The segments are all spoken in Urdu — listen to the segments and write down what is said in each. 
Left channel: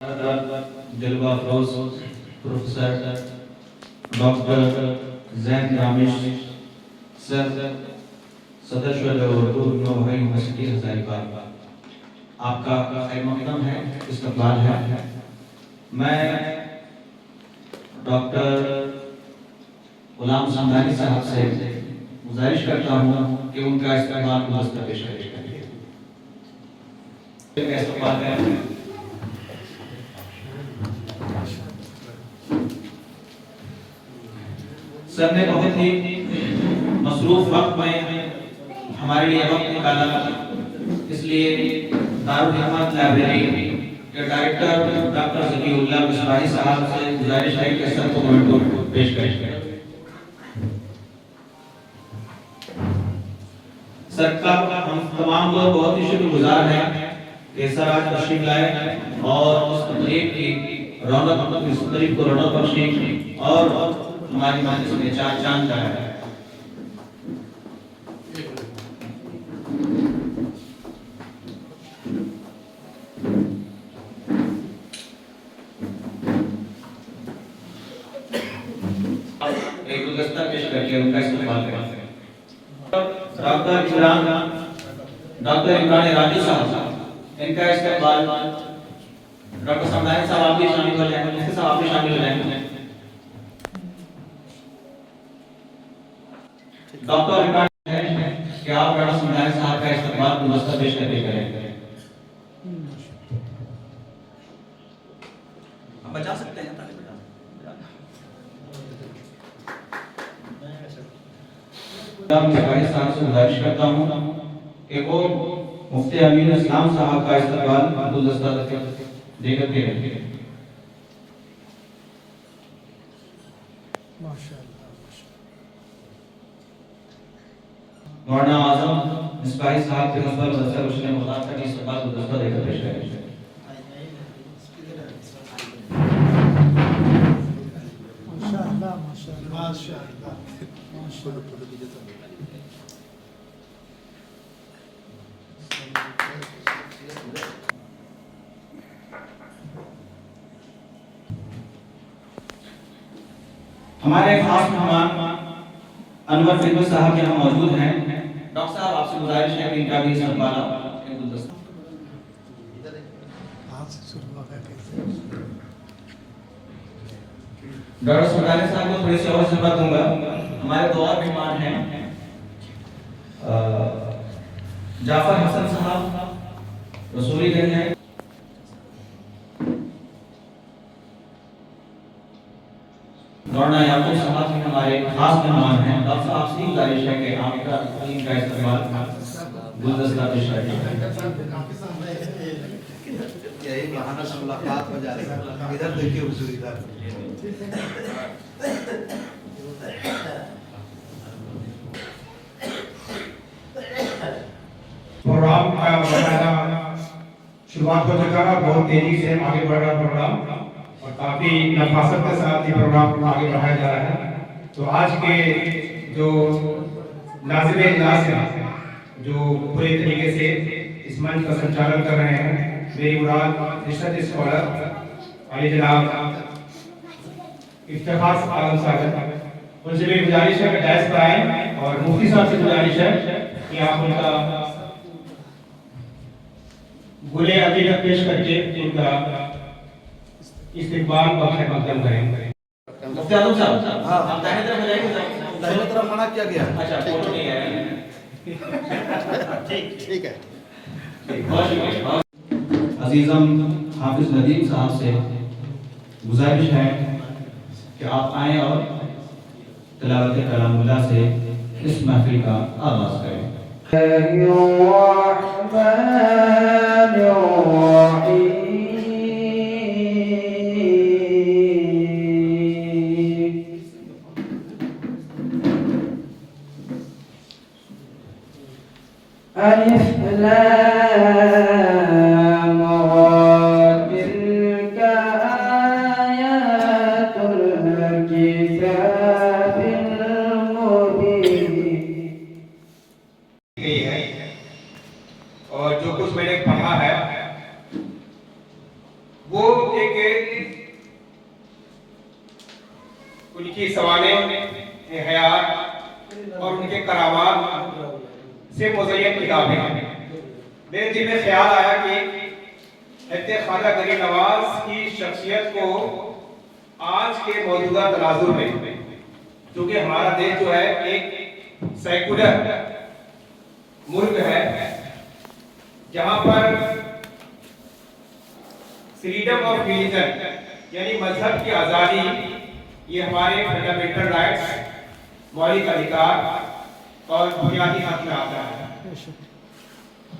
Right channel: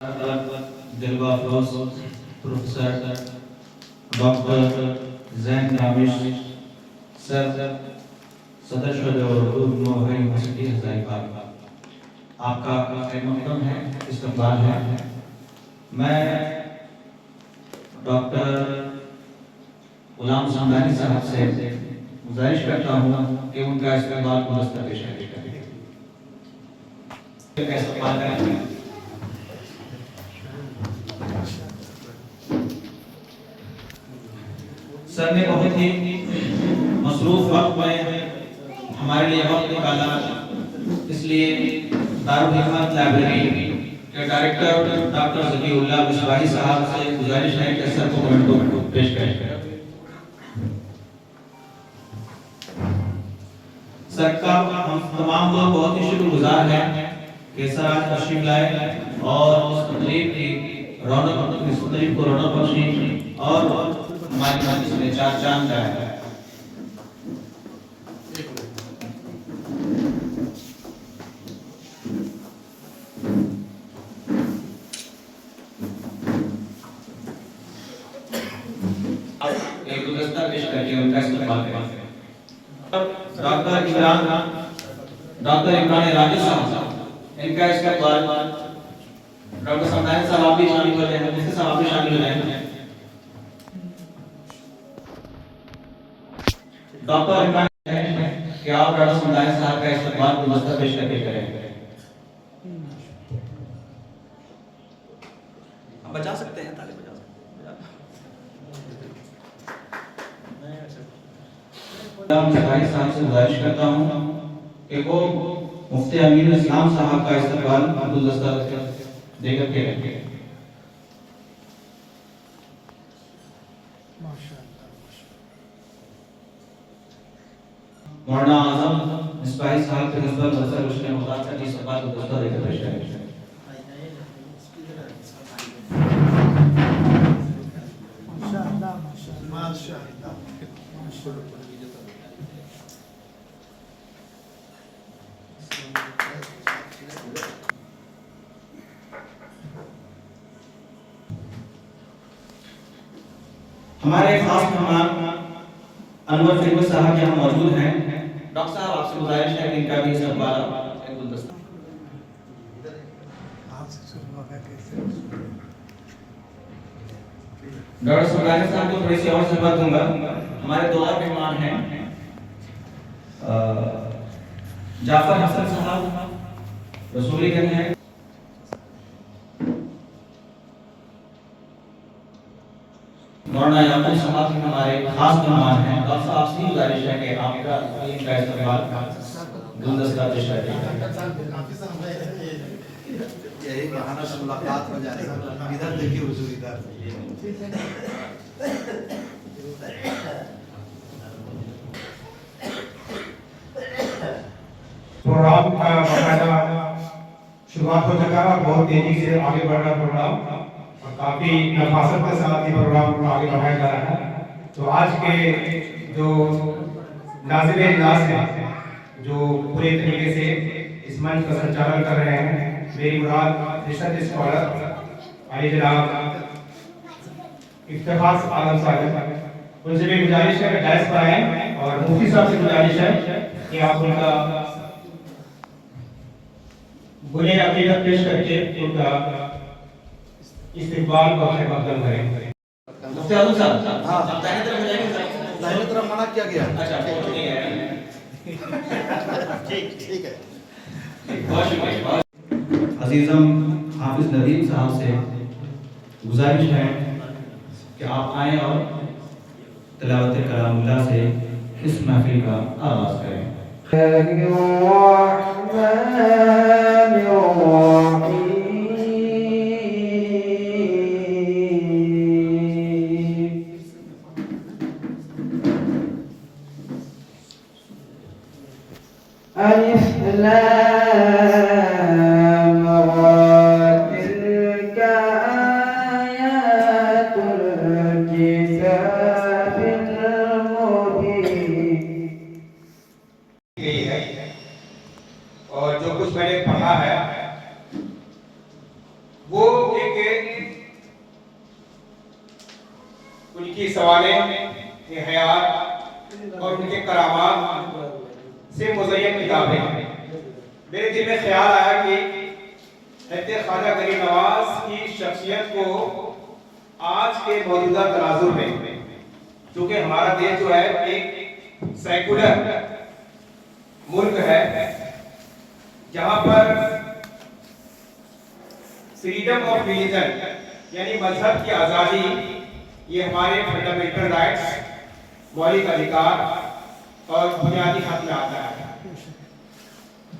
دلوا افروز پروفیسر ڈاکٹر زین رامش سر صدر شعبہ اردو نوحہ یونیورسٹی ہزاری باغ، آپ کا خیر مقدم ہے، استقبال ہے۔ میں ڈاکٹر غلام سمدانی صاحب سے گزارش کرتا ہوں کہ ان کا استقبال گلدستہ پیش کریں۔ استقبال ہے۔ سر نے بہت ہی مصروف وقت میں ہمارے لیے وقت نکالا، اس لیے دارالحکمت لائبریری کے ڈائریکٹر ڈاکٹر ذکی اللہ مصباحی صاحب سے گزارش ہے کہ سر کو موضوع پیش کریں۔ سر کا ہم تمام لوگ بہت ہی شکر گزار ہیں کہ سر آج تشریف لائے اور اس تقریب کی رونق بخشی اور ہماری مجلس میں چار چاند لگایا ہے۔ ایک گلدستہ پیش کر کے ان کا استقبال کریں۔ ڈاکٹر عمران راجی صاحب، ان کا استقبال ڈاکٹر سمدانی صاحب آپ بھی شامل ہو جائیں گے، مفتی صاحب آپ بھی شامل ہو جائیں گے۔ ڈاکٹر عمران کہ آپ ڈاکٹر سمدانی صاحب کا استقبال گلدستہ پیش کر کے کریں۔ آپ بچا سکتے ہیں صاحب سے گزارش کرتا ہوں کہ وہ مفتی امین اسلام صاحب کا استقبال گلدستہ دے کر کے رکھیں۔ مولانا اعظم مصباحی صاحب کے نسبت مدرسہ روشن مراد کا استقبال گلدستہ دے کر پیش کریں۔ ہمارے خاص مہمان انور فیروز صاحب یہاں موجود ہیں۔ ڈاکٹر صاحب آپ سے گزارش ہے کہ ان کا بھی استقبال گلدستہ۔ ڈاکٹر سمدانی صاحب کو تھوڑی سی اور خدمت دوں گا۔ ہمارے دو اور مہمان ہیں، جعفر حسن صاحب رسولی گنج ہیں، مولانا یعقوب صاحب ہمارے خاص مہمان ہیں۔ ڈاکٹر صاحب سے گزارش ہے کہ آپ کا ان کا استقبال گلدستہ پیش کریں۔ یہی بہانہ سے ملاقات ہو جائے گا۔ ادھر دیکھیے حضور، ادھر پروگرام کا باقاعدہ شروعات ہو چکا ہے، بہت تیزی سے آگے بڑھ رہا پروگرام اور کافی نفاست کے ساتھ یہ پروگرام آگے بڑھایا جا رہا ہے۔ تو آج کے جو ناظم اجلاس ہیں، جو پورے طریقے سے اس منچ کا سنچالن کر رہے ہیں، میری مراد ریسرچ اسکالر علی جناب افتخار عالم صاحب، ان سے بھی گزارش ہے کہ ڈائس پر آئیں، اور مفتی صاحب سے گزارش ہے کہ آپ ان کا گلے عقیدت پیش کر کے ان کا استقبال اور خیر مقدم کریں۔ مفتی اعظم صاحب، آپ دائیں طرف ہو جائیں گے۔ داہنے طرف منع کیا گیا۔ اچھا فوٹو نہیں ہے، ٹھیک ہے۔ بہت شکریہ۔ عزیزم حافظ ندیم صاحب سے گزارش ہے کہ آپ آئیں اور تلاوت کلام اللہ سے اس محفل کا آغاز کریں۔ اور جو کچھ میں نے پڑھا ہے ایک ان کی سوانح حیات اور ان کے کرامات سے مزین کتابیں ہیں. میرے دل میں خیال آیا کہ حضرت خواجہ غریب نواز کی شخصیت کو آج کے موجودہ تناظر میں، کیونکہ ہمارا دیش جو ہے ایک سیکولر ملک ہے جہاں پر فریڈم آف ریلیجن یعنی مذہب کی آزادی یہ ہمارے فنڈامنٹل رائٹس، مولک ادھیکار اور بنیادی حق میں آتا ہے.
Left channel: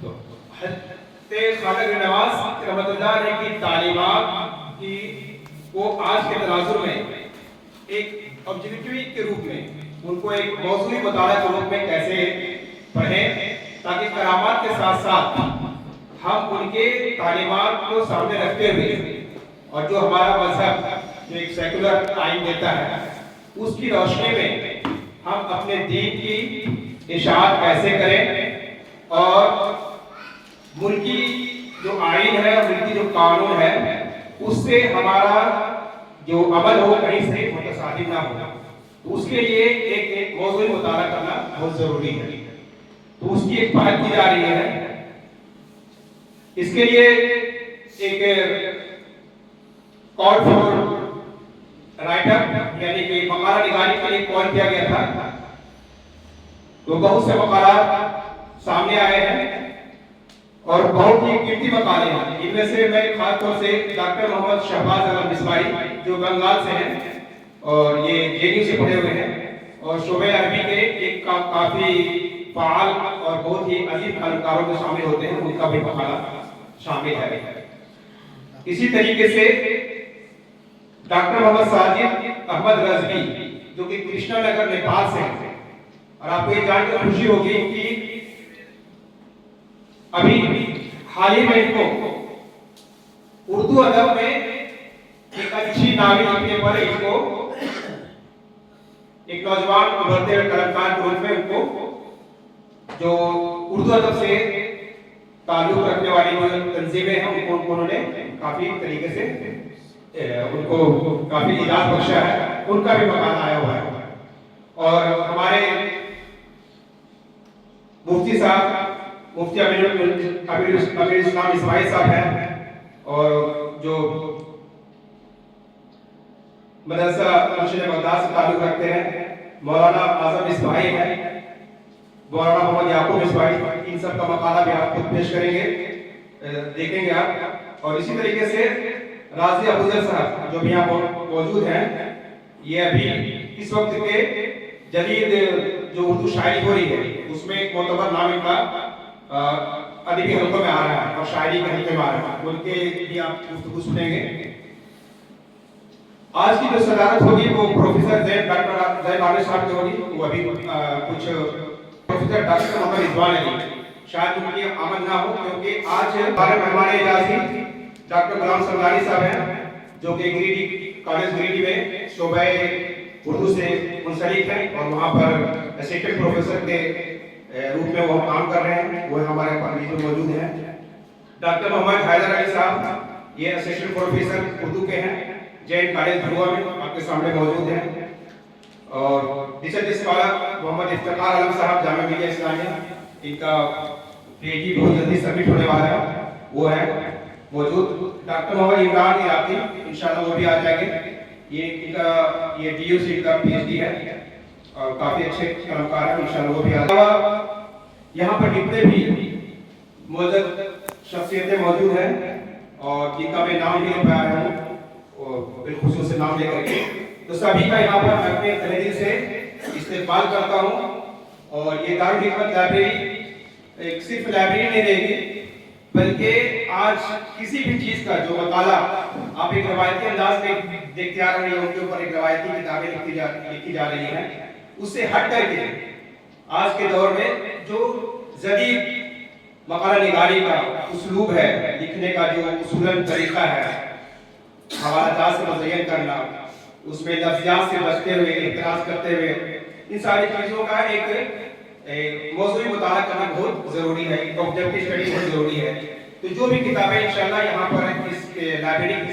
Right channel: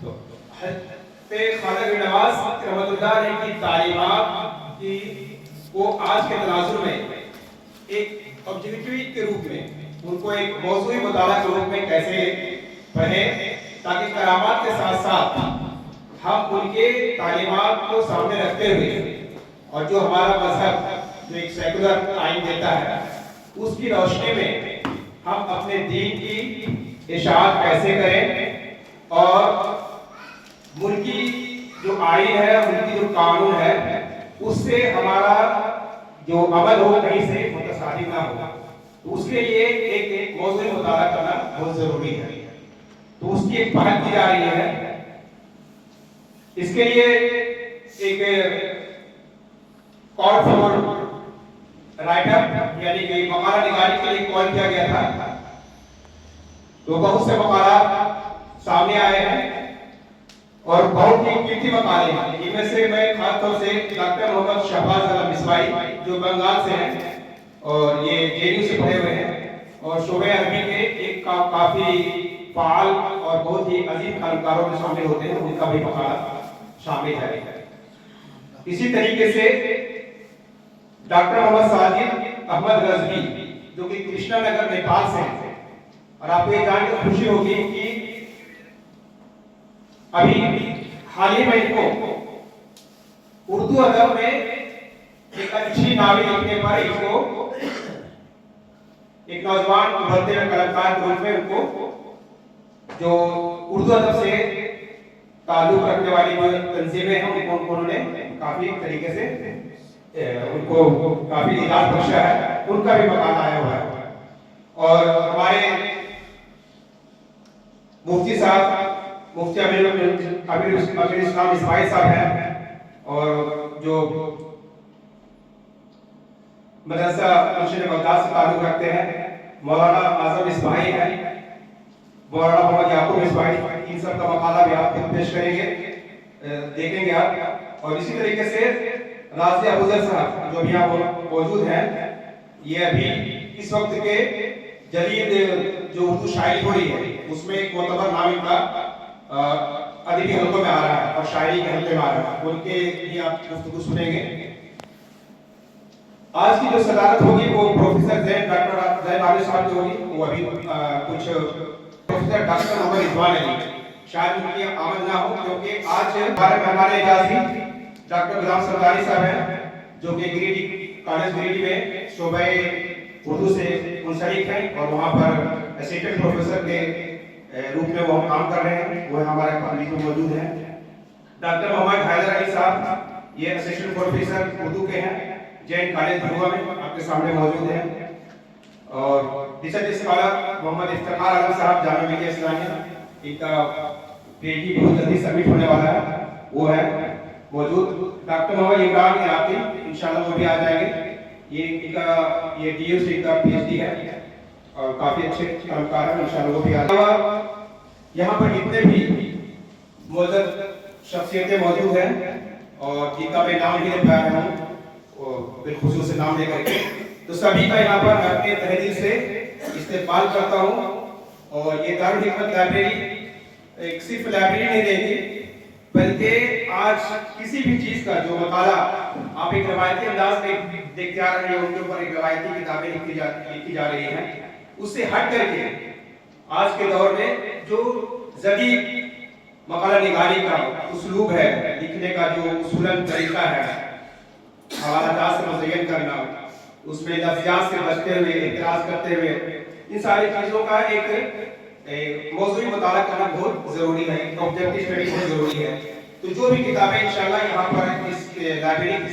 تو حضرت خواجہ غریب نواز رحمۃ اللہ علیہ کی تعلیمات کی کو آج کے تناظر میں ایک آبجیکٹیوی کے روپ میں، ان کو ایک موضوعی مطالعہ کے روپ میں کیسے پڑھیں تاکہ کرامات کے ساتھ ساتھ ہم ان کے تعلیمات کو سامنے رکھتے ہوئے اور جو ہمارا مذہب جو ایک سیکولر آئین دیتا ہے اس کی روشنی میں ہم اپنے دین کی اشاعت کیسے کریں اور ملکی جو آئین ہے، ملکی جو قانون ہے، اس سے ہمارا جو عمل ہو کہیں سے متصادم نہ ہو. تو اس کے لیے ایک موضوعی مطالعہ کرنا بہت ضروری ہے. تو اس کی ایک پہل کی جا رہی ہے. اس کے لیے ایک کال فار رائٹر یعنی کہ مقالہ نگاری کے لیے کال کیا گیا تھا. تو بہت سے مقالات سامنے آئے ہیں اور بہت ہی قیمتی مقالے ہیں. ان میں سے میں خاص طور سے ڈاکٹر محمد شہباز احمد مصباحی جو بنگال سے ہیں اور یہ جے یو سے پڑھے ہوئے ہیں اور شعبہ عربی کے ایک کافی فعال اور بہت ہی عظیم قلمکاروں میں شامل ہوتے ہیں، ان کا بھی مقالہ شامل ہے. اسی طریقے سے ڈاکٹر محمد ساجد احمد رضوی جو کہ کرشنا نگر نیپال سے ہیں اور آپ کو یہ جان کر خوشی ہوگی کہ ابھی حال ہی میں ان کو اردو ادب میں ایک اچھی ناول لکھنے پر ان کو ایک نوجوان ابھرتے ہوئے قلمکار کے روپ میں ان کو جو اردو ادب سے تعلق رکھنے والی جو تنظیمیں ہیں انہوں نے کافی طریقے سے ان کو کافی اعزاز بخشا ہے. ان کا بھی مقام آیا ہوا ہے. اور ہمارے مفتی صاحب مفتی امیر اسلام اسماعیل صاحب ہیں اور جو مدرسہ مرشد بغداد سے تعلق رکھتے ہیں مولانا اعظم اسماعیل ہیں، مولانا محمد یعقوب اسماعیل. ان سب کا مقالہ بھی آپ خود پیش کریں گے، دیکھیں گے آپ. اور اسی طریقے سے راضی ابوذر صاحب جو بھی یہاں موجود ہیں، یہ ابھی اس وقت کے جدید جو اردو شاعری ہو رہی ہے اس میں ایک معتبر نام ان کا ادبی حلقوں میں آ رہا ہے اور شاعری کے حلقے میں آ رہا ہے. ان کے بھی آپ گفتگو سنیں گے. آج کی جو صدارت ہوگی وہ پروفیسر ڈاکٹر زید عامر صاحب کی ہوگی. وہ ابھی کچھ پروفیسر ڈاکٹر محمد رضوان علی شاید ان کی آمد نہ ہو کیونکہ آج ہمارے مہمان اعزازی ڈاکٹر غلام سمدانی صاحب ہیں جو کہ گریڈی کالج گریڈی میں شعبہ اردو سے منسلک ہیں اور وہاں پر اسسٹنٹ پروفیسر کے روپ میں وہ کام کر رہے ہیں. وہ ہمارے پاس موجود ہیں. ڈاکٹر محمد حیدر علی صاحب یہ اسسٹنٹ پروفیسر اردو کے ہیں، جین کالج بھروا میں آپ کے سامنے موجود ہیں. اور ریسرچ اسکالر محمد افتخار عالم صاحب جامعہ ملیہ اسلامیہ، ان کا پی ایچ ڈی بہت جلدی سبمٹ ہونے والا ہے، وہ ہے موجود. ڈاکٹر محمد عمران عراقی انشاءاللہ وہ بھی آ جائیں گے. یہ ڈی یو سی کا پی ایچ ڈی ہے اور کافی اچھے قلمکار ہیں، انشاءاللہ وہ بھی آ جائیں گے. یہاں پر جتنے بھی موجود شخصیتیں موجود ہیں اور جن کا میں نام بھی لے پایا ہوں بالخصوص نام لے کر کے، تو سبھی کا یہاں پر اپنے تہہ دل سے استقبال کرتا ہوں. اور یہ دارالحکمت لائبریری ایک صرف لائبریری نہیں رہے گی بلکہ آج کسی بھی چیز کا جو مطالعہ آپ ایک روایتی انداز میں دیکھتے آ رہے ہیں، ان کے اوپر ایک روایتی کتابیں لکھی جا رہی ہیں، اس سے ہٹ کر کے آج کے دور میں جو جدید مقالہ نگاری کا اسلوب ہے، لکھنے کا جو اصولاً طریقہ ہے، حوالہ جات سے مزین کرنا، اس میں لفظیات سے بچتے ہوئے، اعتراض کرتے ہوئے، ان ساری چیزوں کا ایک موضوعی مطالعہ کرنا بہت ضروری ہے، آبجیکٹیو اسٹڈی بہت ضروری ہے. تو جو بھی کتابیں انشاءاللہ یہاں پر اس لائبریری کی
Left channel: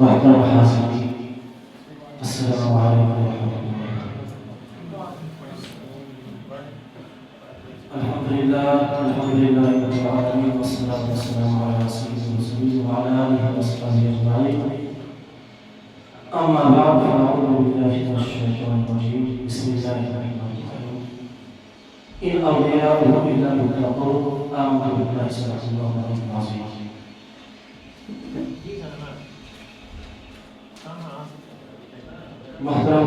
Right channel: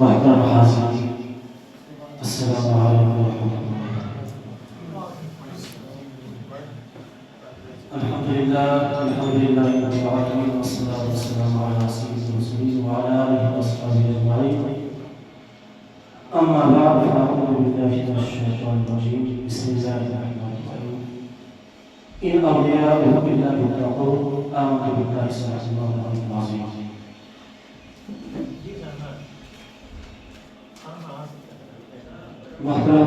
محترم حاضرین، السلام علیکم ورحمۃ اللہ۔ الحمدللہ رب العالمین والصلاۃ والسلام علی سید المرسلین وعلی آلہ وصحبہ اجمعین، اما بعد فاعوذ باللہ من الشیطان الرجیم، بسم اللہ الرحمن الرحیم، ان اولیاءہ الا المتقون، آمنت باللہ صدق اللہ العظیم۔ محترم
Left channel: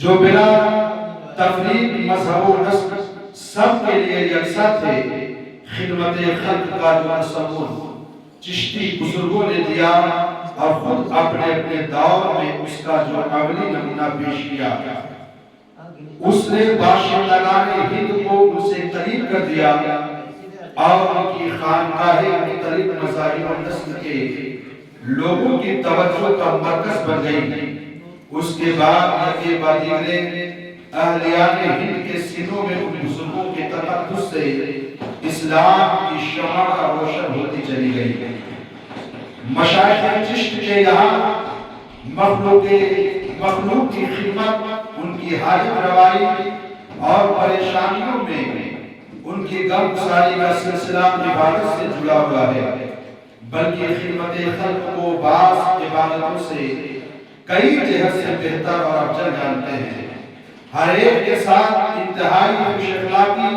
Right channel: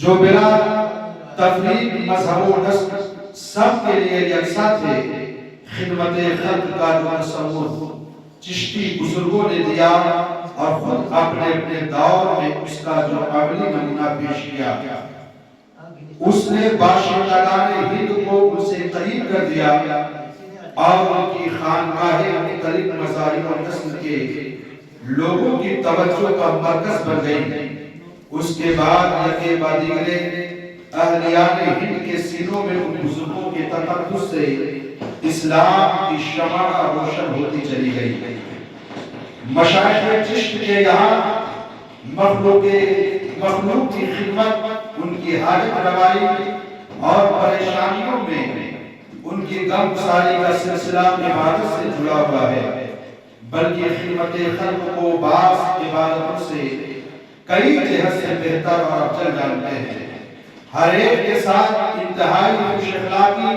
جو بلا تفریق مذہب و نسل سب کے لیے یکساں تھے۔ خدمت خلق کا جو تصور چشتی بزرگوں نے دیا اور خود اپنے اپنے دور میں اس کا جو عملی نمونہ پیش کیا، اس نے باشندگان ہند کو ان سے قریب کر دیا اور ان کی خانقاہیں مختلف مذاہب و نسل کے لوگوں کی توجہ کا مرکز بن گئی۔ اس کے بعد یکے بعد دیگرے اہلیان ہند کے سینوں میں ان بزرگوں کے تقدس سے اسلام کی شمع روشن ہوتی چلی گئی۔ مشائخ چشت کے یہاں مخلوق کی خدمت، ان کی حاجت روائی اور پریشانیوں میں ان کی غم گساری کا سلسلہ عبادت سے جڑا ہوا ہے، بلکہ خدمت خلق کو بعض عبادتوں سے کئی جہت سے بہتر اور افضل جانتے ہیں۔ ہر ایک کے ساتھ انتہائی خوش اخلاقی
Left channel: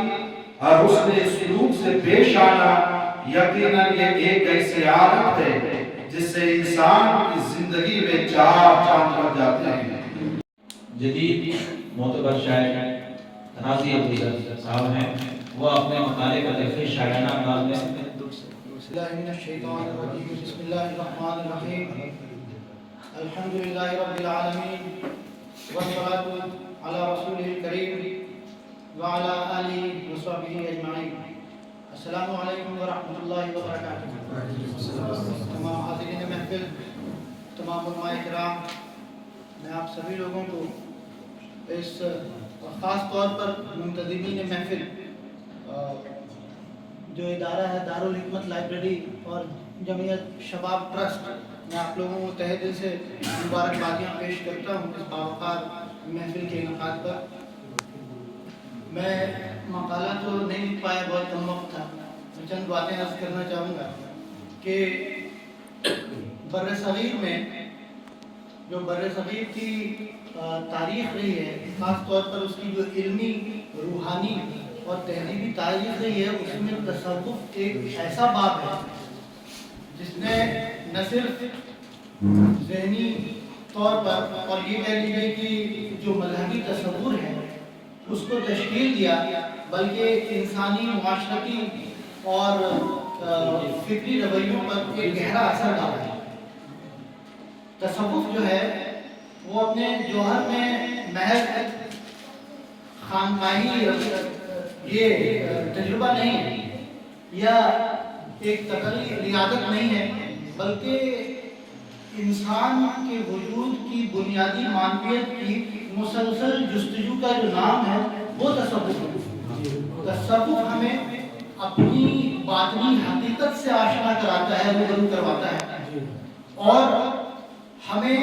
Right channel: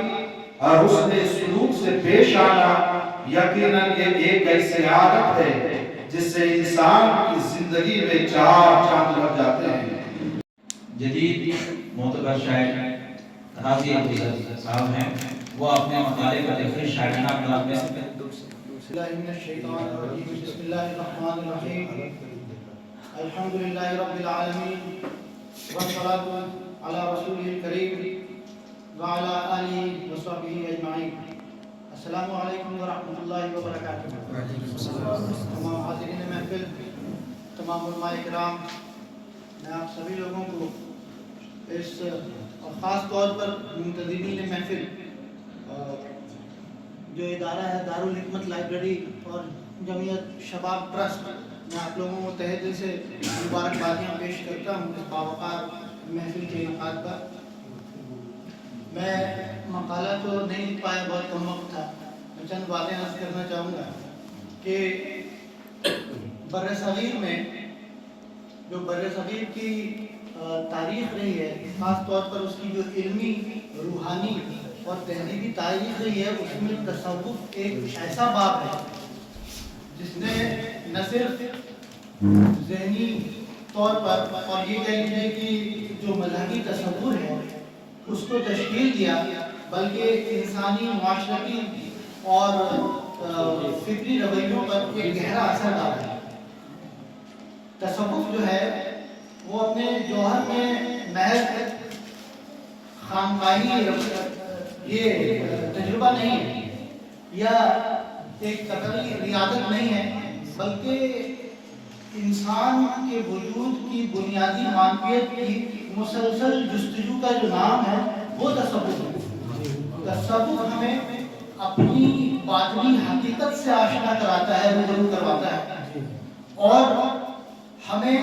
اور حسن سلوک سے پیش آنا یقیناً یہ ایک ایسی عادت ہے جس سے انسان کی زندگی میں چار چاند لگ جاتے ہیں۔ جدید معتبر شاعر قاضی ابوذر صاحب ہیں، وہ اپنے مقالے کو لکھے شاعرانہ انداز میں بسم اللہ من الشیطان الرجیم، بسم اللہ الرحمن الرحیم، الحمدللہ رب العالمین، والصلاة علی رسولہ الکریم وعلی آلہ وصحبہ اجمعین۔ السلام علیکم ورحمۃ اللہ وبرکاتہ۔ تمام حاضرین محفل، تمام علماء کرام، میں آپ سبھی لوگوں کو اس اور خاص طور پر منتظمین محفل جو ادارہ ہے دارالحکمت لائبریری اور جمعیت شباب ٹرسٹ، میں آپ لوگوں کو تہہ دل سے مبارکبادیاں پیش کرتا ہوں اس باوقار محفل کے انعقاد پر۔ میں مقالہ تو نہیں لکھ پایا، بہت کم وقت تھا، میں چند باتیں عرض کرنا چاہوں گا کہ برصغیر میں جو برصغیر کی تاریخ رہی ہے، خاص طور پر اس کی جو علمی، روحانی اور تہذیبی تاریخ رہی ہے، اس میں تصوف ایک ایسا باب ہے جس نے نہ صرف ذہنی طور پر اور یہ کہہ لیجیے کہ جو مذہبی تصور ہے اس کو تشکیل دیا، بلکہ انسانی، معاشرتی اور فکری رویوں پر ایک گہرا اثر ڈالا۔ تصوف جو ہے وہ اپنے جوہر میں محض خانقاہی یہ تجربہ نہیں ہے یا ایک تقریری ریاضت نہیں ہے، بلکہ انسان کے وجود کی بنیادی معنویت کی مسلسل جستجو کا جو نام ہے وہ تصوف ہے۔ تصوف ہمیں اپنی باطنی حقیقت سے آشنا کراتا ہے، روبرو کرواتا ہے، اور ہمیں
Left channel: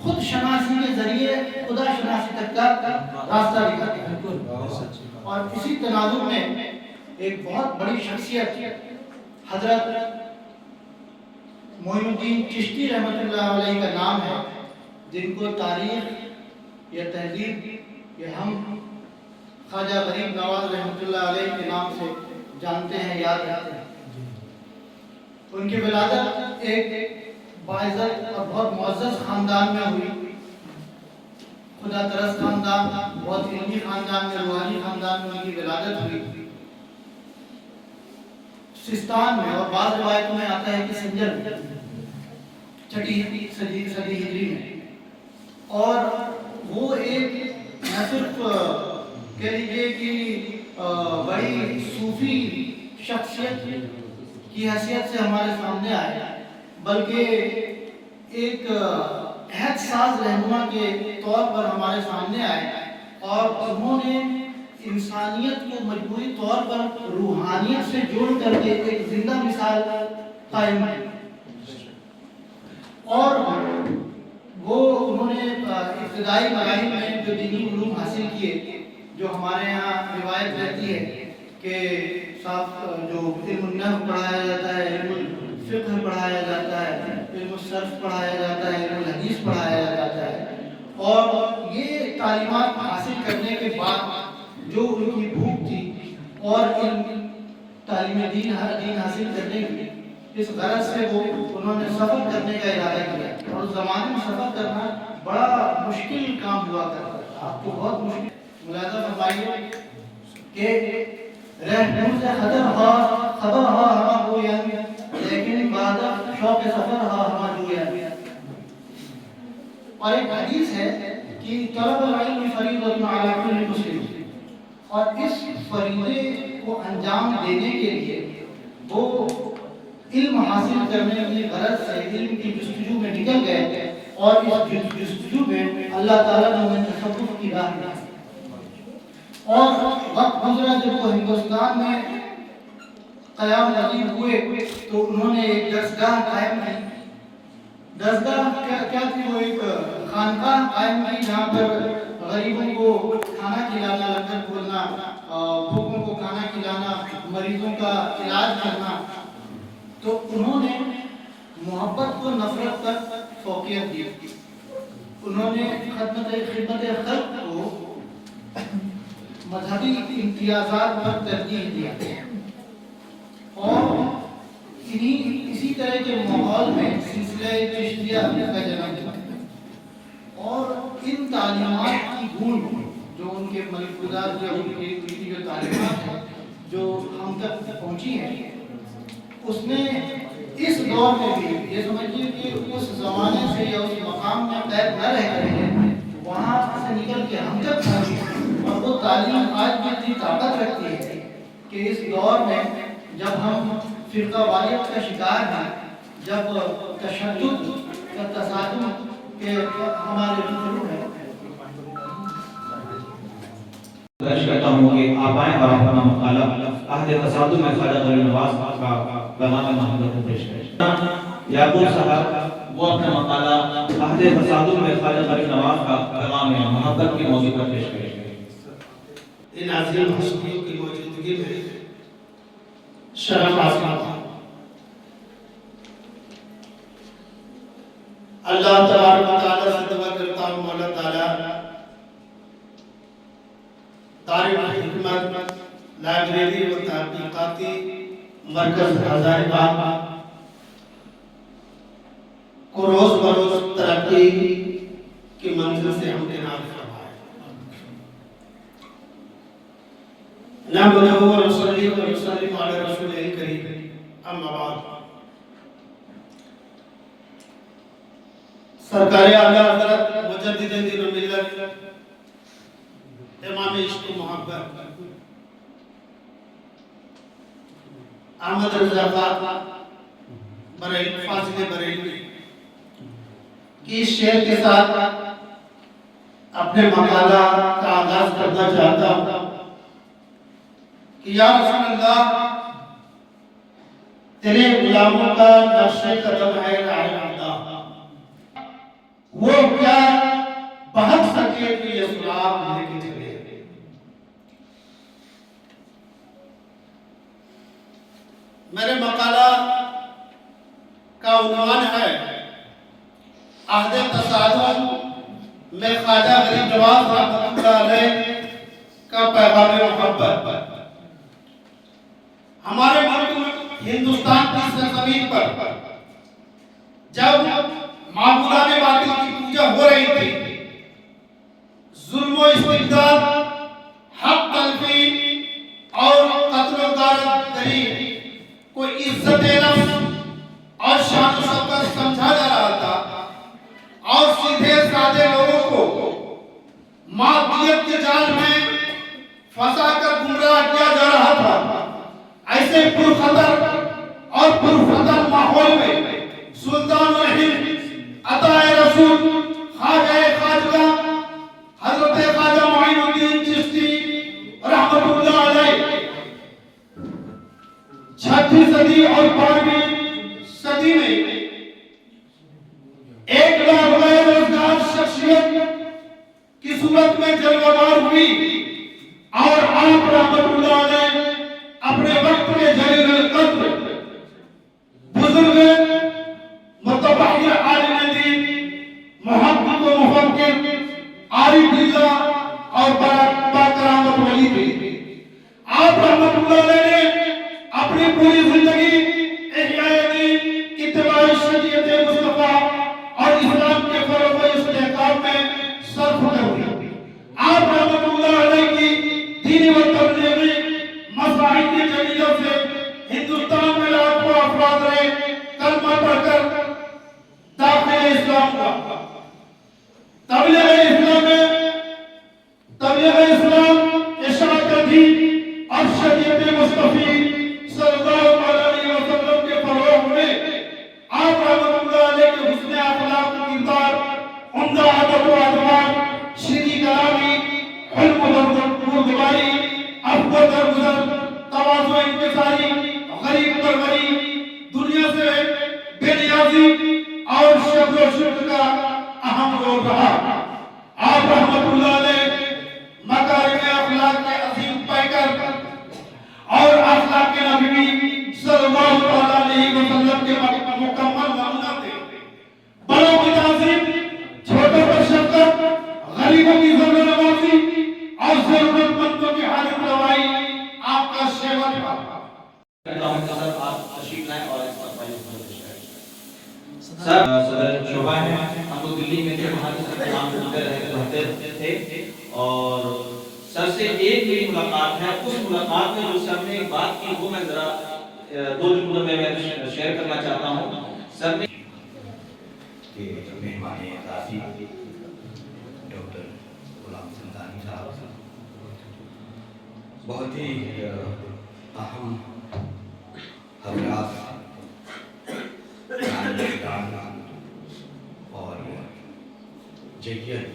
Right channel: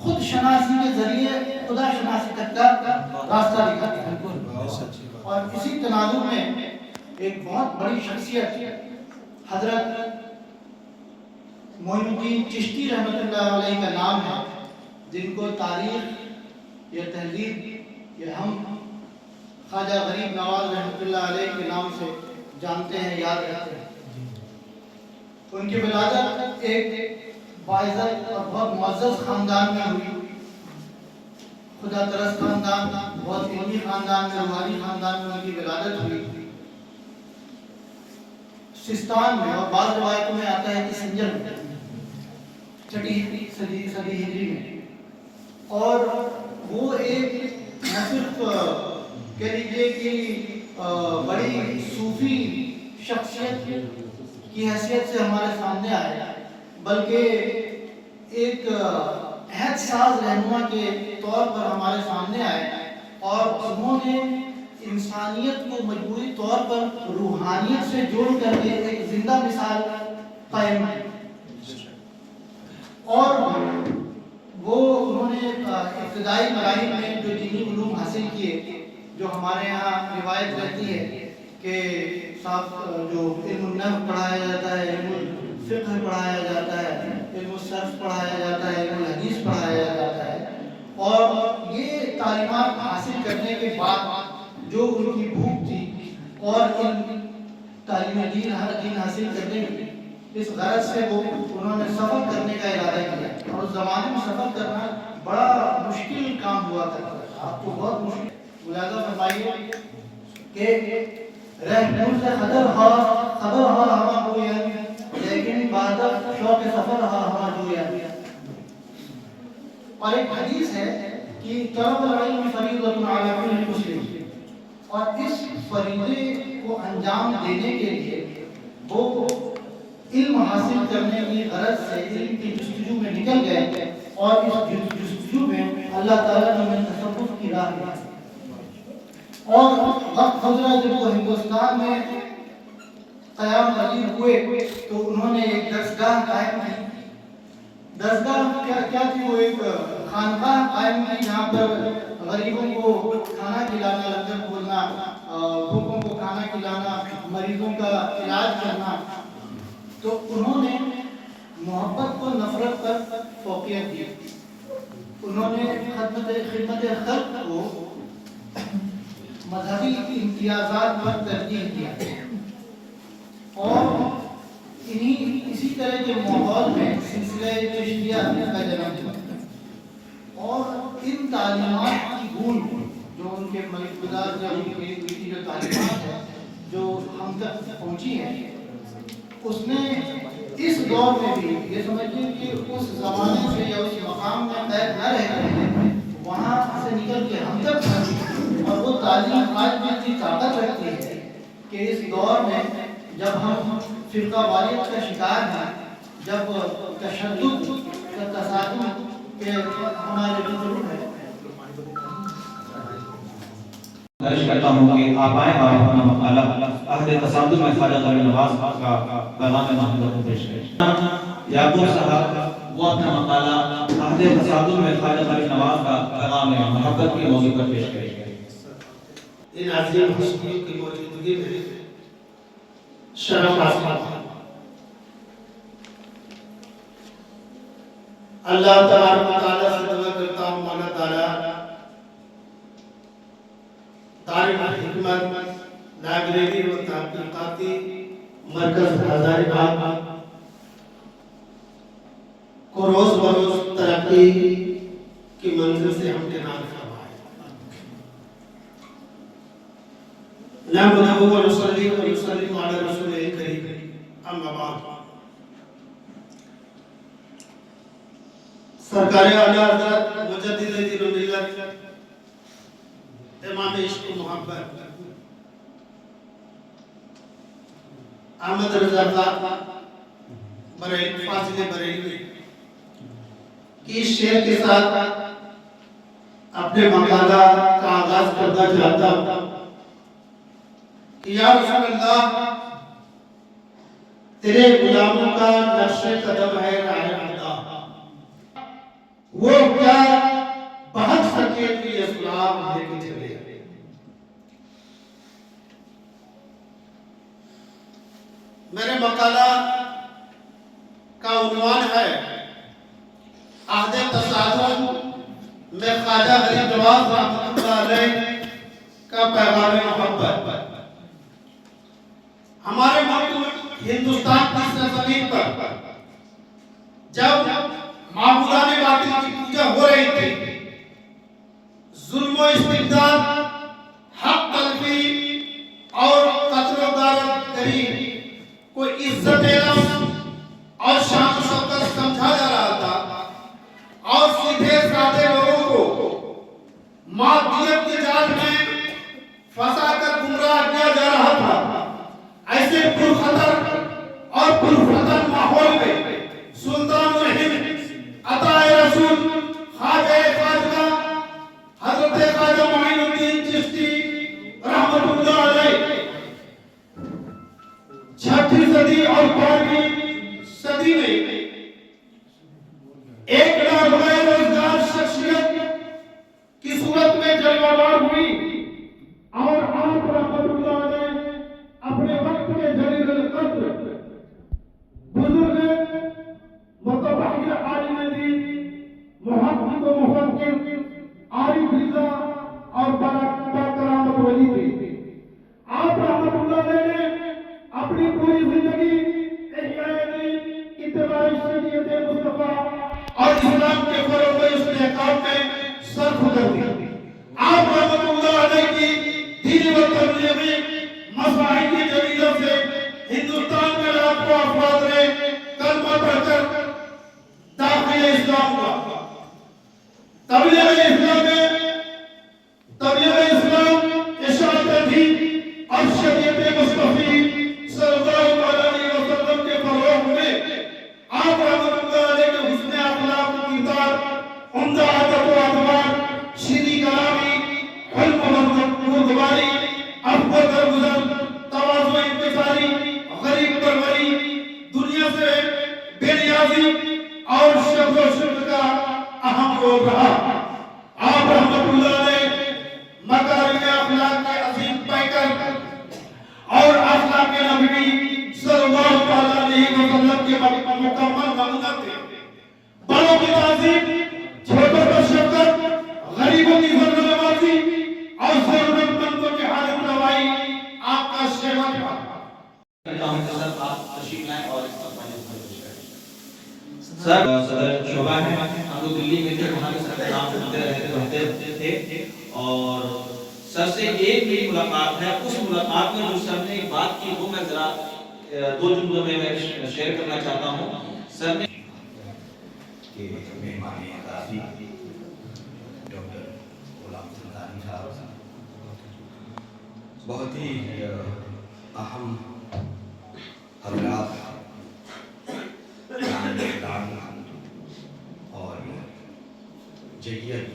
خود شناسی کے ذریعے خدا شناسی تک کا راستہ دکھاتا ہے۔ اور اسی تناظر میں ایک بہت بڑی شخصیت حضرت معین الدین چشتی رحمۃ اللہ علیہ کا نام ہے، جن کو تاریخ یا تہذیب یا ہم خواجہ غریب نواز رحمۃ اللہ علیہ کے نام سے جانتے ہیں، یاد رکھتے ہیں۔ ان کی ولادت ایک باعزت اور بہت معزز خاندان میں ہوئی، خدا ترس خاندان، بہت علمی خاندان میں، روحانی خاندان میں ان کی ولادت ہوئی سستان میں، اور بعض روایتوں میں آتا ہے کہ سنجر میں، چھٹی صدی ہجری میں۔ اور وہ ایک نہ صرف کہہ لیجیے کہ بڑی صوفی شخصیت کی حیثیت سے ہمارے سامنے آئے، بلکہ ایک عہد ساز رہنما کے طور پر ہمارے سامنے آئے، اور انہوں نے انسانیت کو مجموعی طور پر روحانیت سے جوڑ کر کے ایک زندہ مثال قائم کی، اور وہ انہوں نے ابتدائی مراحل میں جو دینی علوم حاصل کیے، جو ہمارے یہاں روایت رہتی ہے کہ صاحب جو علم النحو پڑھایا جاتا ہے، علم الفقہ پڑھایا جاتا ہے، علم الصرف پڑھایا جاتا ہے، علم الحدیث پڑھایا جاتا ہے، اور یہ تعلیمات حاصل کرنے کے بعد جو ان کی بھوک تھی اور علم تعلیم دین حاصل کرنے کی، اس غرض سے وہ انہوں نے سفر کرنے کا ارادہ کیا، اور اس زمانے میں سفر کرنا بڑا مشکل کام ہوا کرتا تھا، آپ کو بہت مشکل ملاحظہ فرمائیے کہ رہنور سے خبر ہوا ہما گویا لیکن بعد شوق سفر ہوا ہما جویا۔ اور ایک حدیث ہے کہ طلب العلم فریضۃ علی کل مسلم، اور اس فریضے کو انجام دینے کے لیے وہ علم حاصل کرنے کی غرض سے علم کی جستجو میں نکل گئے، اور اس جستجو میں اللہ تعالیٰ نے انہیں تصوف کی راہ دی، اور وقت گزرا جب وہ ہندوستان میں قیام پذیر ہوئے تو انہوں نے ایک درسگاہ قائم کی۔ درسگاہ کیا تھی؟ وہ ایک خانقاہ قائم کی جہاں پر غریبوں کو کھانا کھلانا، لنگر کھولنا، بھوکوں کو کھانا کھلانا، مریضوں کا علاج کرنا۔ تو انہوں نے محبت کو نفرت پر فوقیت دی، انہوں نے خدمت خلق کو مذہبی امتیازات پر ترجیح دیا، اور اسی طرح کے ماحول میں سلسلہ چشتیہ کا جنم ہوا، اور ان تعلیمات کی بھول جو ان کے ملک گزار کی جو تعلیمات ہیں جو ہم تک پہنچی ہیں، اس میں اس دور میں بھی یہ سمجھیے کہ اس زمانے سے یا اس مقام میں قید نہ رہ کر وہاں سے نکل کے ہم تک پہنچی، اور وہ تعلیم آج بھی اتنی طاقت رکھتی ہے کہ اس دور میں جب ہم فرقہ واریت کا شکار ہیں، جب تشدد کا تصادم کے ہمارے روبرو ہے۔ درج کرتا ہوں کہ آپ آئیں اور اپنا مقالہ عہد تصادم میں خواجہ غریب نواز کا پیغام محمد کو پیش کریں۔ یعقوب صاحب وہ اپنا مقالہ عہد تصادم میں خواجہ غریب نواز کا پیغام محبت کے موضوع پر پیش کریں۔ ان عظیم ہستیوں کی موجودگی میں شرف حاصل اللہ تبارک و تعالیٰ سے دعا کرتا ہوں مولا تعالیٰ دار الحکمت لائبریری و تحقیقاتی مرکز ہزاریباغ کو روز بروز ترقی کی منزل سے ہمکنار فرمائے۔ نحمدہ و نصلی و نسلم علی رسول کریم، اما بعد۔ سرکار اعلیٰ حضرت مجدد دین و ملت امام عشق و محبت احمد رضا بریلوی فاضل بریلوی کی اس شعر کے ساتھ اپنے مقالہ کا آغاز کرنا چاہتا ہوں کہ یا رسول اللہ تیرے غلاموں کا نقش قدم ہے راہ اللہ، وہ کیا بہت سکے تو یہ سلام لے کے چلے۔ میرے مقالہ کا عنوان ہے عہد تصادم میں خواجہ غریب نواز رحمۃ اللہ علیہ کا پیغام محبت۔ ہمارے ملک ہندوستان کی سرزمین پر جب معبودان باطل کی پوجا ہو رہی تھی، ظلم و استبداد، حق تلفی اور قتل و غارت گری کو عزت نفس اور شان و شوکت سمجھا جا رہا تھا، اور سیدھے سادے لوگوں کو مادیت کے جال میں پھنسا کر گمراہ کیا جا رہا تھا۔ ایسے پرخطر اور پرفتن ماحول میں سلطان الہند عطا رسول خواجہ خواجہ حضرت خواجہ معین الدین چشتی رحمۃ اللہ علیہ 6ویں صدی اور 5ویں صدی میں ایک غیر روزگار شخصیت کی صورت میں جلوہ بار ہوئی، اور آپ رحمۃ اللہ علیہ اپنے وقت میں جلیل القدر بزرگ متبحر عالم دین محقق و مفکر عارف باللہ اور باکرامت ولی تھے۔ آپ رحمۃ اللہ علیہ نے اپنی پوری زندگی احیاء حلم بردباری، عفو درگزر، تواضع انکساری، غریب پر غریب، دنیا سے بے نیازی اور شکر و شکر کا اہم رول رہا۔ آپ رحمت اللہ علیہ مکارم اخلاق کے عظیم پیکر اور اخلاق کے نبی صلی اللہ علیہ وسلم کے مکمل نمونہ تھے۔ بڑوں کی تعظیم، چھوٹوں پر شفقت، غریبوں کی ضرورت نوازی اور ضرورت مندوں کی حاجت روائی آپ کا شیوا تھا۔ سر آپ تشریف لائیں اور اس کا سر صدر شعبہ ہے، ہم لوگ دلی میں تھے، وہاں کے سر نام سنتے رہتے تھے اور سر سے ایک ہی ملاقات ہے، اس ملاقات میں جو سر نے بات کی وہ میں ذرا دو جملوں میں شیئر کرنا چاہتا ہوں۔ سر نے کہ مہمان اعزازی ڈاکٹر غلام سمدانی صاحب بہت ہی اہم حضرات اور جلیل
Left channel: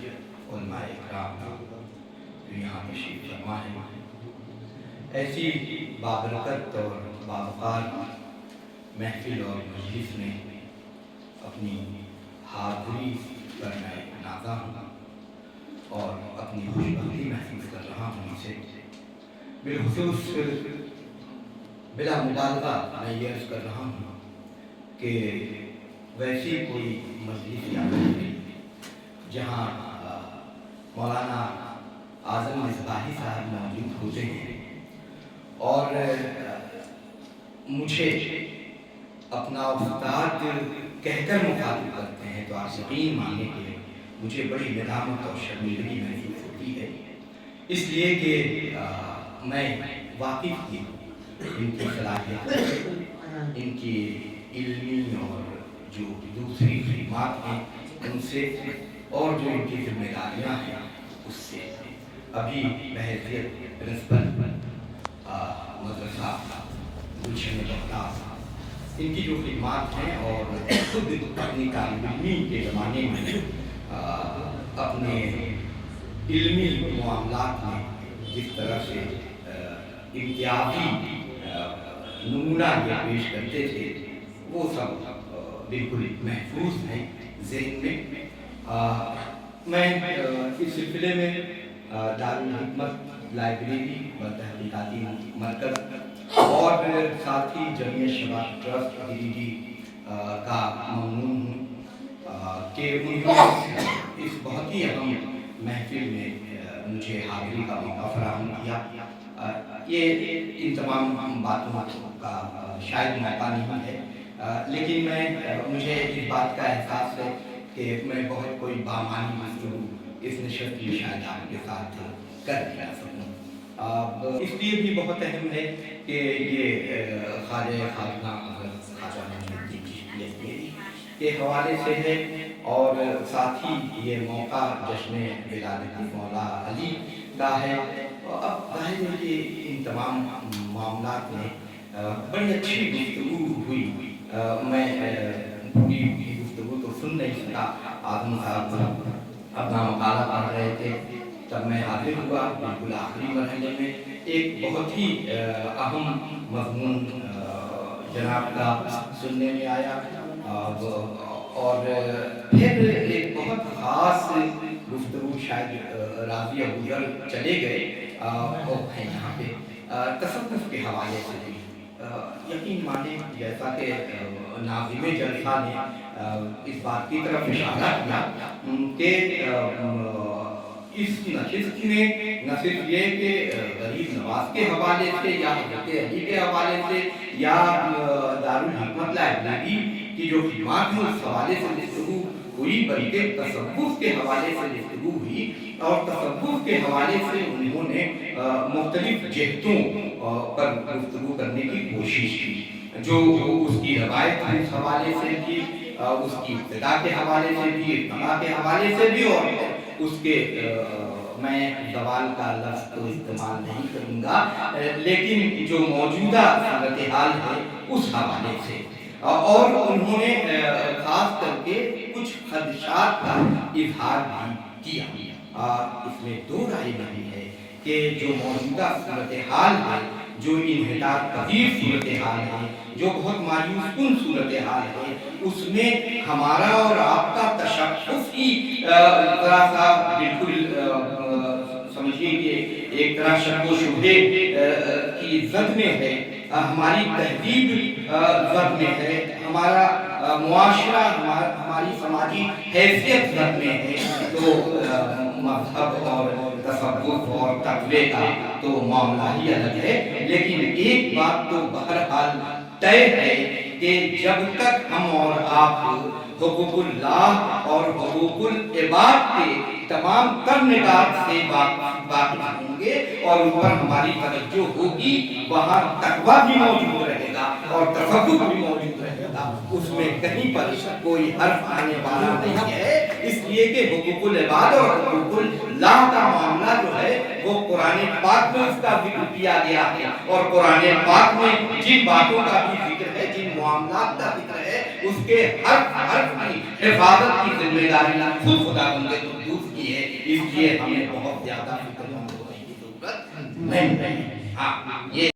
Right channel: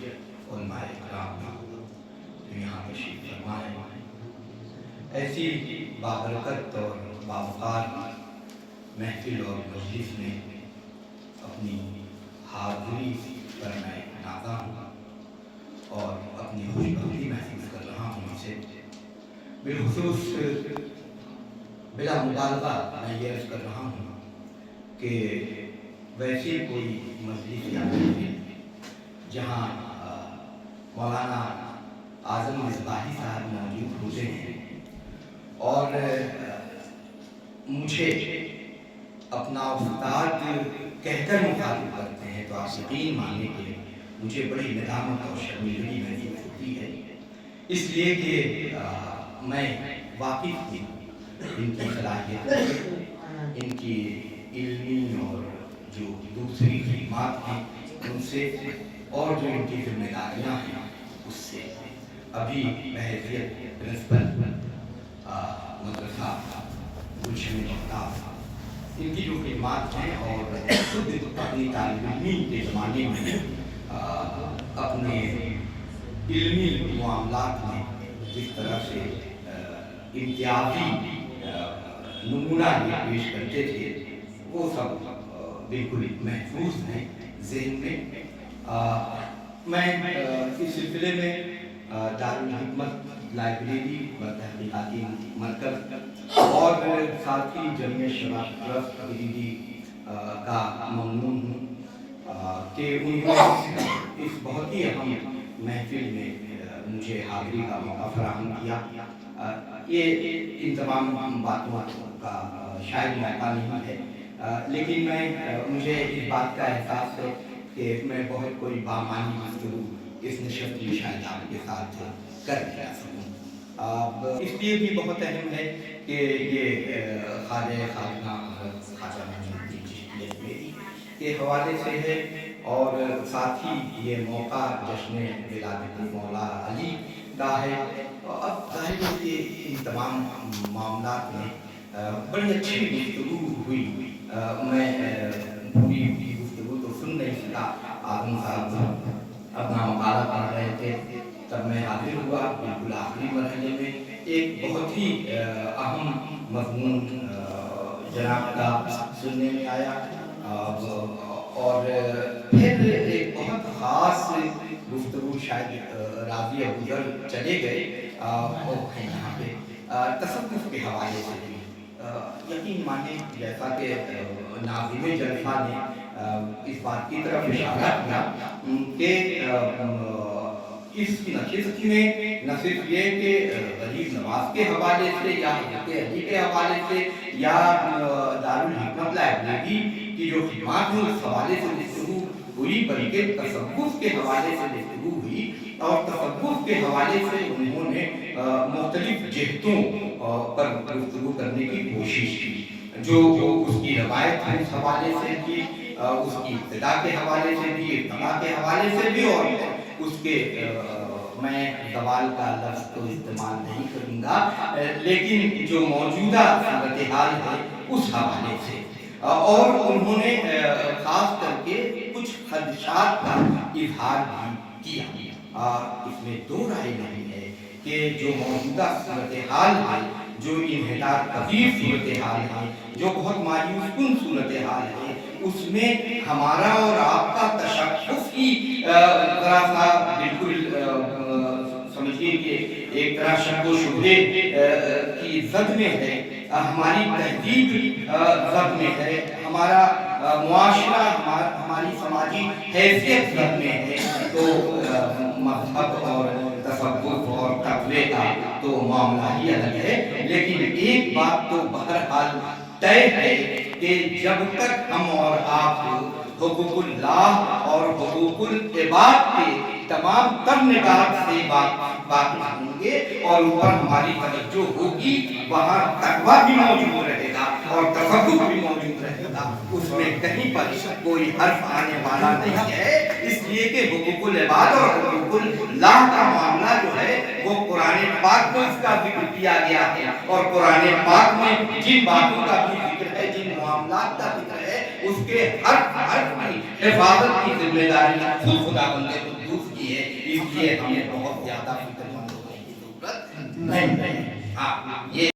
علماء اکرام جو یہاں تشریف فرما ہے، ایسی بابرکت اور باوقار محفل اور مجلس میں اپنی حاضری پر میں نازا ہوں اور اپنی خوشبختی محسوس کر رہا ہوں اسے۔ بالخصوص بلا مبالغہ میں یہ عرض کر رہا ہوں کہ ویسی کوئی مجلس یا محفل جہاں مولانا اعظم مصباحی صاحب موجود ہوتے ہیں اور مجھے اپنا استاد کہہ کر مخاطب کرتے ہیں تو آپ یقین مانیں کہ مجھے بڑی ندامت اور شرمندگی محسوس ہوتی ہے، اس لیے کہ میں واقف تھی ان کی صلاحیت، ان کی علمی اور جو دوسری خدمات ہیں ان سے، اور جو ان کی ذمہ داریاں ہیں اس سے۔ ابھی بحیثیت پرنسپل مدرسہ گلشن بختیار ان کی جو خدمات ہیں اور خود اپنی طالب علمی کے زمانے میں اپنے علمی معاملات میں جس طرح سے امتیازی نمونہ یہ پیش کرتے تھے وہ سب بالکل محفوظ ہیں ذہن میں۔ میں اس سلسلے میں دارالحکمت لائبریری و تحقیقاتی مرکز اور ساتھ ہی جمعیت شباب ٹرسٹ گریڈی کا ممنون ہوں کہ انہوں نے اس بہت ہی اہم محفل میں مجھے حاضری کا موقع فراہم کیا۔ یہ ان تمام باتوں کا شاید موقع نہیں ہے، لیکن مجھے اس بات کا احساس ہے کہ میں بہت کوئی بامانی گفتگو اس نشست میں شاید آپ کے ساتھ کر دیا سکوں۔ اس لیے بھی بہت اہم ہے کہ یہ خواجہ خواجہ حضرت خواجہ معین الدین چشتی اجمیری کے حوالے سے ہے، اور ساتھ ہی یہ موقع جشن ولادت مولا علی کا ہے۔ اب ظاہر ہے کہ ان تمام معاملات میں بڑی اچھی گفتگو ہوئی۔ میں پوری گفتگو تو سن نہیں سکا، اعظم صاحب اپنا مقالہ پڑھ رہے تھے، تب میں حاضر ہوا بالکل آخری مرحلے میں۔ ایک بہت ہی اہم مضمون جناب کا سننے میں آیا، اور پھر ایک بہت خاص گفتگو شاید راضی ابوذر چلے گئے وہ ہیں یہاں پہ تصوف کے حوالے سے بھی۔ یقین مانیں جیسا کہ ناظم جلسہ نے اس بات کی طرف اشارہ کیا کہ اس نشست میں نہ صرف یہ کہ غریب نواز کے حوالے سے یا حضرت علی کے حوالے سے یا دارالحکمت لائبریری کی جو خدمات ہیں اس حوالے سے گفتگو ہوئی، بلکہ تصوف کے حوالے سے گفتگو ہوئی، اور تصوف کے حوالے سے انہوں نے مختلف جہتوں پر گفتگو کرنے کی کوشش کی، جو اس کی روایت ہے اس حوالے سے بھی، اس کی ابتدا کے حوالے سے بھی، ارتقاء کے حوالے سے بھی، اور اس کے میں زوال کا لفظ تو استعمال نہیں کروں گا، لیکن جو موجودہ صورتحال ہے اس حوالے سے، اور انہوں نے خاص کر کے کچھ خدشات کا اظہار بھی کیا۔ اس میں دو رائے نہیں ہے کہ جو موجودہ صورتحال ہے، جو انحطاط پذیر صورتحال ہے، جو بہت مایوس کن صورتحال ہے، اس میں ہمارا اور آپ کا تشخص ہی ذرا سا بالکل سمجھیے کہ ایک طرح شک و شبہے کی زد میں ہے، ہماری تہذیب زد میں ہے، ہمارا معاشرہ، ہماری سماجی حیثیت زد میں ہے، تو مذہب اور تصوف اور تقوی کا تو معاملہ ہی الگ ہے۔ لیکن ایک بات تو بہرحال طے ہے کہ جب تک ہم اور آپ حقوق اللہ اور حقوق العباد کے تمام تر نکات سے واقف ہوں گے اور ان پر ہماری توجہ ہوگی، وہاں تقویٰ بھی موجود رہے گا اور تصوف بھی موجود رہے گا، اس میں کہیں پر کوئی حرف آنے والا نہیں ہے، اس لیے کہ حقوق العباد اور حقوق اللہ کا معاملہ جو ہے وہ قرآن پاک میں اس کا ذکر کیا گیا ہے، اور قرآن پاک میں جن باتوں کا بھی ذکر ہے، جن معاملات کا ذکر ہے، اس کے ہر حرف کی حفاظت کی ذمہ داری خود خدا بندے قدوس کی ہے، اس لیے ہمیں بہت زیادہ فکر مند ہونے کی ضرورت نہیں ہے۔ ہاں، یہ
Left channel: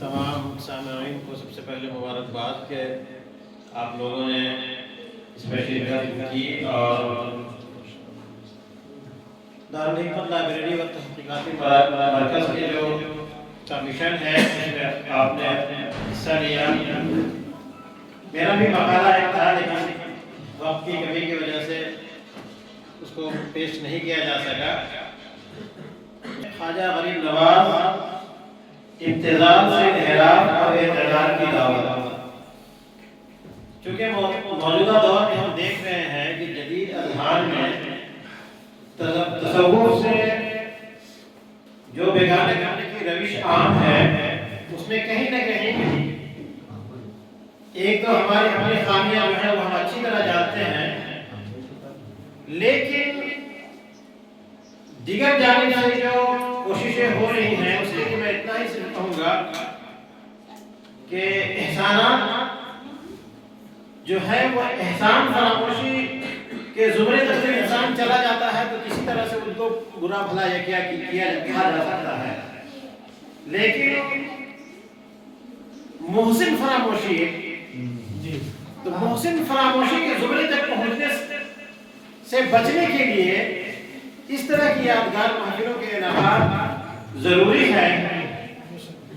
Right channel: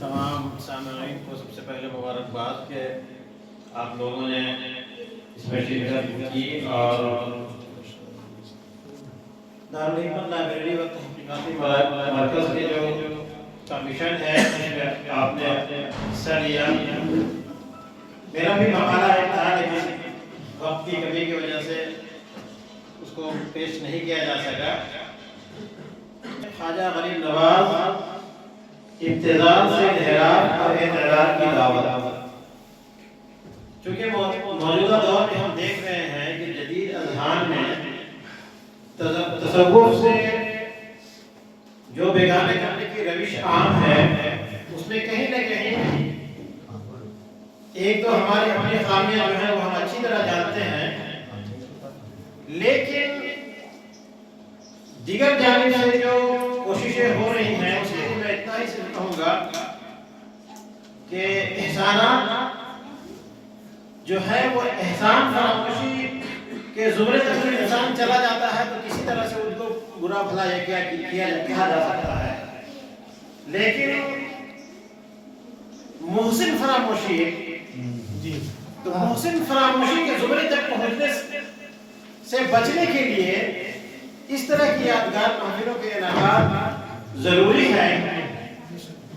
تمام سامعین کو سب سے پہلے مبارکباد کہ آپ لوگوں نے اس میں شرکت کی، اور دارالحکمت لائبریری و تحقیقاتی مرکز کے جو کمیشن ہے اس میں آپ نے حصہ لیا۔ میرا بھی مقالہ ایک تھا لیکن وقت کی کمی کی وجہ سے اس کو پیش نہیں کیا جا سکا۔ خواجہ غریب نواز، ابتذال سے انحراف اور اعتدال کی دعوت۔ چونکہ موجودہ دور میں ہم دیکھ رہے ہیں کہ جدید اذہان میں تصوف سے جو بیگانہ کرنے کی روش عام ہے، اس میں کہیں نہ کہیں ایک تو ہماری اپنی خامیاں جو ہیں وہ ہم اچھی طرح جانتے ہیں، لیکن دیگر جانب سے جو کوششیں ہو رہی ہیں اس لیے میں اتنا ہی صرف کہوں گا کہ احسانات جو ہے وہ احسان فراموشی کے زمرے تک انسان چلا جاتا ہے تو کسی طرح سے ان کو برا بھلا یا کیا جا سکتا ہے، لیکن محسن فراموشی، تو محسن فراموشی کے زمرے تک پہنچنے سے بچنے کے لیے اس طرح کی یادگار محفلوں کے انعقاد ضروری ہے،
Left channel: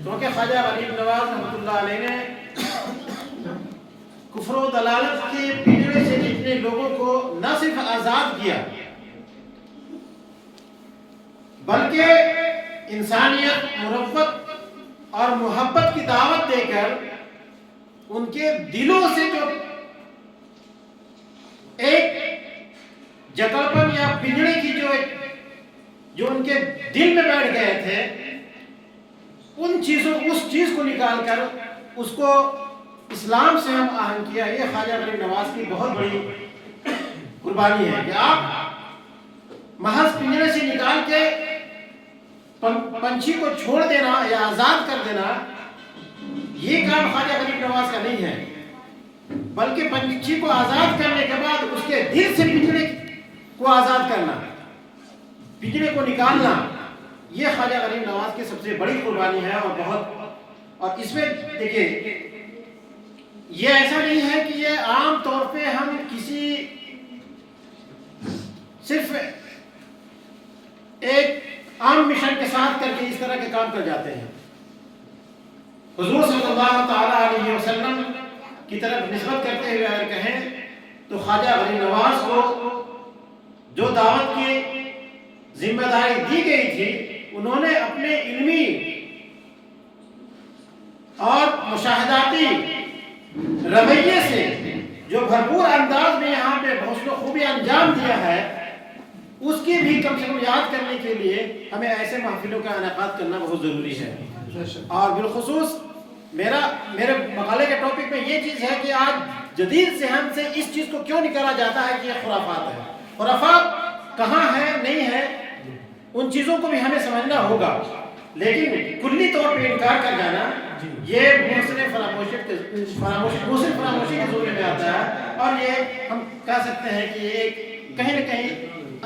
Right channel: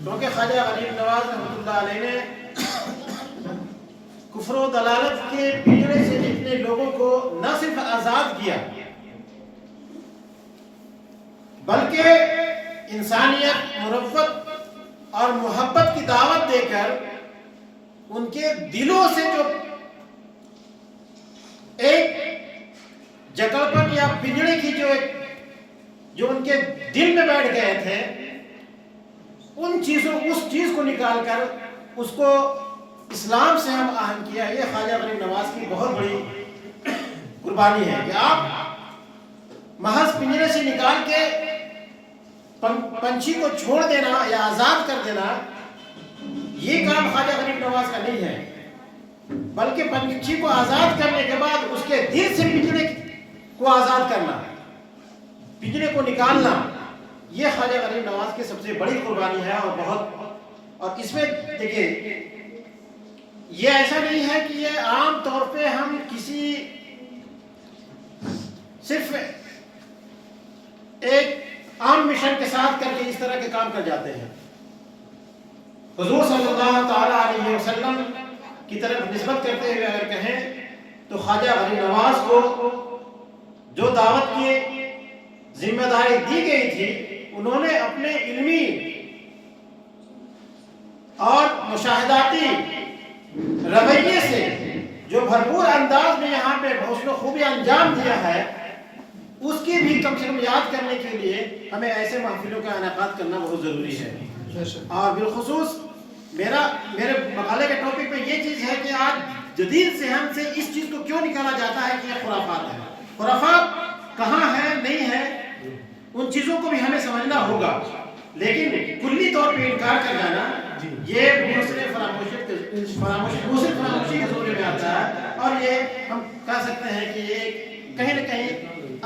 کیونکہ خواجہ غریب نواز رحمۃ اللہ علیہ نے کفر و دلالت کے پنجرے سے جتنے لوگوں کو نہ صرف آزاد کیا بلکہ انسانیت، مروت اور محبت کی دعوت دے کر ان کے دلوں سے ایک جکڑپن یا پنجرے کی جو ان کے دل میں بیٹھ گئے تھے، اس چیز کو نکال کر اس کو اسلام سے ہم آہنگ کیا۔ یہ خواجہ غریب نواز کی بہت بڑی قربانی ہے کہ آپ محض پنجرے سے نکال کے پنچھی کو چھوڑ دینا یا آزاد کر دینا، یہ کام خواجہ غریب نواز کا نہیں ہے، بلکہ پنچھی کو آزاد کرنے کے بعد اس کے دل سے پنجرے کو آزاد کرنا، پنجرے کو نکالنا، یہ خواجہ غریب نواز کی سب سے بڑی قربانی ہے۔ اور اس میں دیکھیے یہ ایسا نہیں ہے کہ یہ عام طور پہ ہم کسی صرف ایک عام مشن کے ساتھ کر کے اس طرح کے کام کر جاتے ہیں۔ حضور صلی اللہ تعالیٰ علیہ وسلم کی طرف نسبت کرتے ہوئے اگر کہیں تو خواجہ غریب نواز کو جو دعوت کی ذمہ داری دی گئی تھی، انہوں نے اپنے علمی اور مشاہداتی رویے سے جو بھرپور انداز میں یہاں پہ حسن و خوبی انجام دیا ہے، اس کی بھی کم سے کم یاد کرنے کے لیے ہمیں ایسے محفلوں کا انعقاد کرنا بہت ضروری ہے۔ اور بالخصوص میرے مقالے کے ٹاپک میں یہ چیز ہے کہ آج جدید ذہن سے اس چیز کو کیوں نکالا جاتا ہے کہ یہ خرافات ہے۔ خرافات کہاں ہے، نہیں ہے، ان چیزوں کو بھی ہمیں سمجھنا ہوگا، لیکن کلی طور پہ انکار کر جانا یہ موسم فراموشی کے زمرے میں آتا ہے، اور یہ ہم کہہ سکتے ہیں کہ یہ کہیں نہ کہیں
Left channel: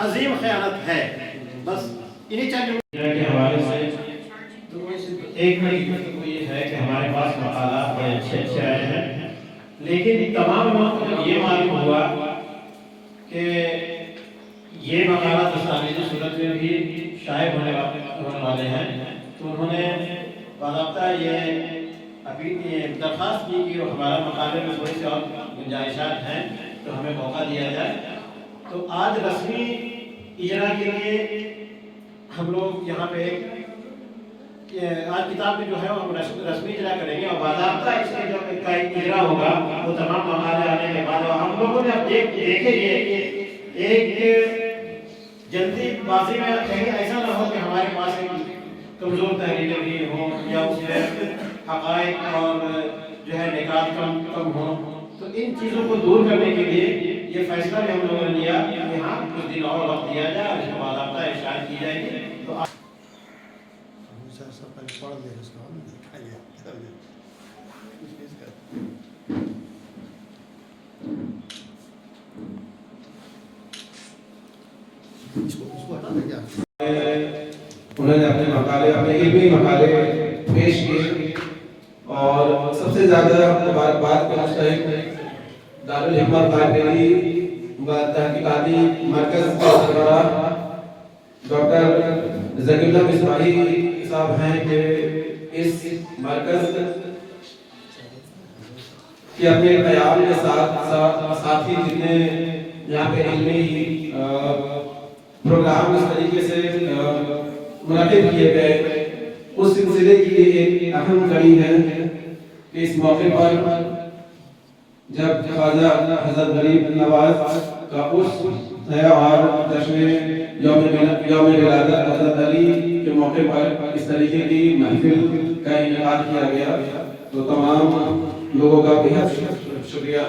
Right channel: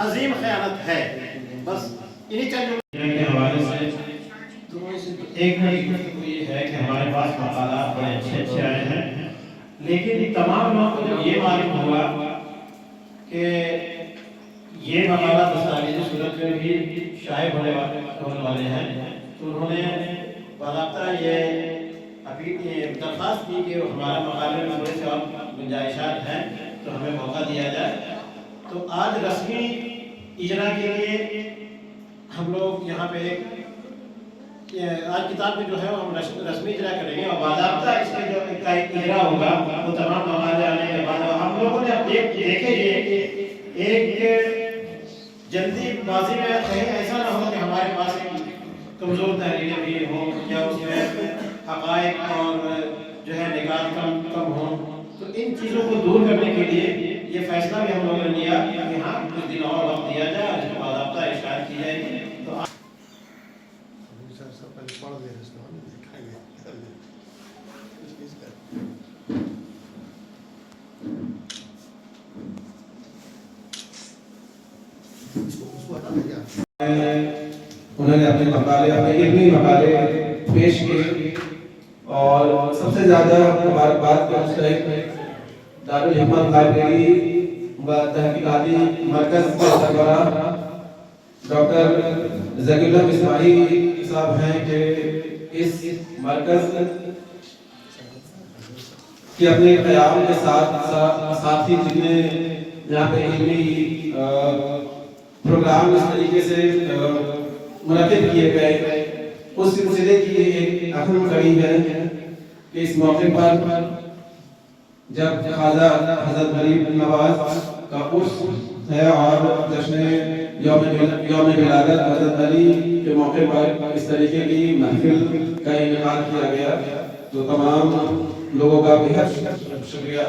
عظیم خیانت ہے۔ بس انہی چند کے حوالے سے ایک گفتگو یہ ہے کہ ہمارے پاس مقالات بڑے اچھے آئے ہیں، لیکن تمام لوگوں کو جب یہ معلوم ہوا کہ یہ مقالات دستاویزی صورت میں بھی شائع ہونے والے ہیں، تو انہوں نے باضابطہ یہ ابھی درخواست کی کہ ہمارا مقالے میں تھوڑی سی اور گنجائشات ہیں تو ہمیں موقع دیا جائے۔ تو آج رسمی اجرا کے لیے ہم لوگ یہاں پہ آج کتاب میں جو ہے ہم رسمی اجرا کریں گے، اور باضابطہ اس میں جو اجرا ہوگا وہ تمام مقالے آنے کے بعد، اور ہم لوگوں نے اب دیکھیں گے ایک جلدی بازی میں کہیں ایسا نہ ہو کہ ہمارے پاس کمزور تحریریں بھی ہوں یا اس میں حقائق اور جو ہے نکات کم ہوں، تو ان چیزوں کو دور کرنے کے لیے یہ فیصلہ بھی ہم لوگوں نے لیا کہ ہاں کچھ دن اور وقت دیا جائے اور اس کو باضابطہ اشاعت کی جائے گی۔ تو انہوں نے اپنے مقالے، اپنے علمی مقالے پیش کیے، اور سب سے زیادہ بات کا مستحق دارالحکمت لائبریری و تحقیقاتی مرکز کے سربراہ ڈاکٹر ذکی اللہ اسماعیلی صاحب ہیں کہ اس مرکز کے اپنے قیام کے ساتھ ہی جتنے یہاں پہ علمی پروگرام اس طریقے سے منعقد کیے گئے، اس سلسلے کی ایک اہم کڑی ہے کہ اس موقع پر جب خواجہ حضرت غریب نواز کا عرس ہے اور جشن یوم ولادت حضرت علی کے موقع پر اس طریقے کی محفل کا انعقاد کیا گیا، تو تمام لوگوں کا بہت شکریہ۔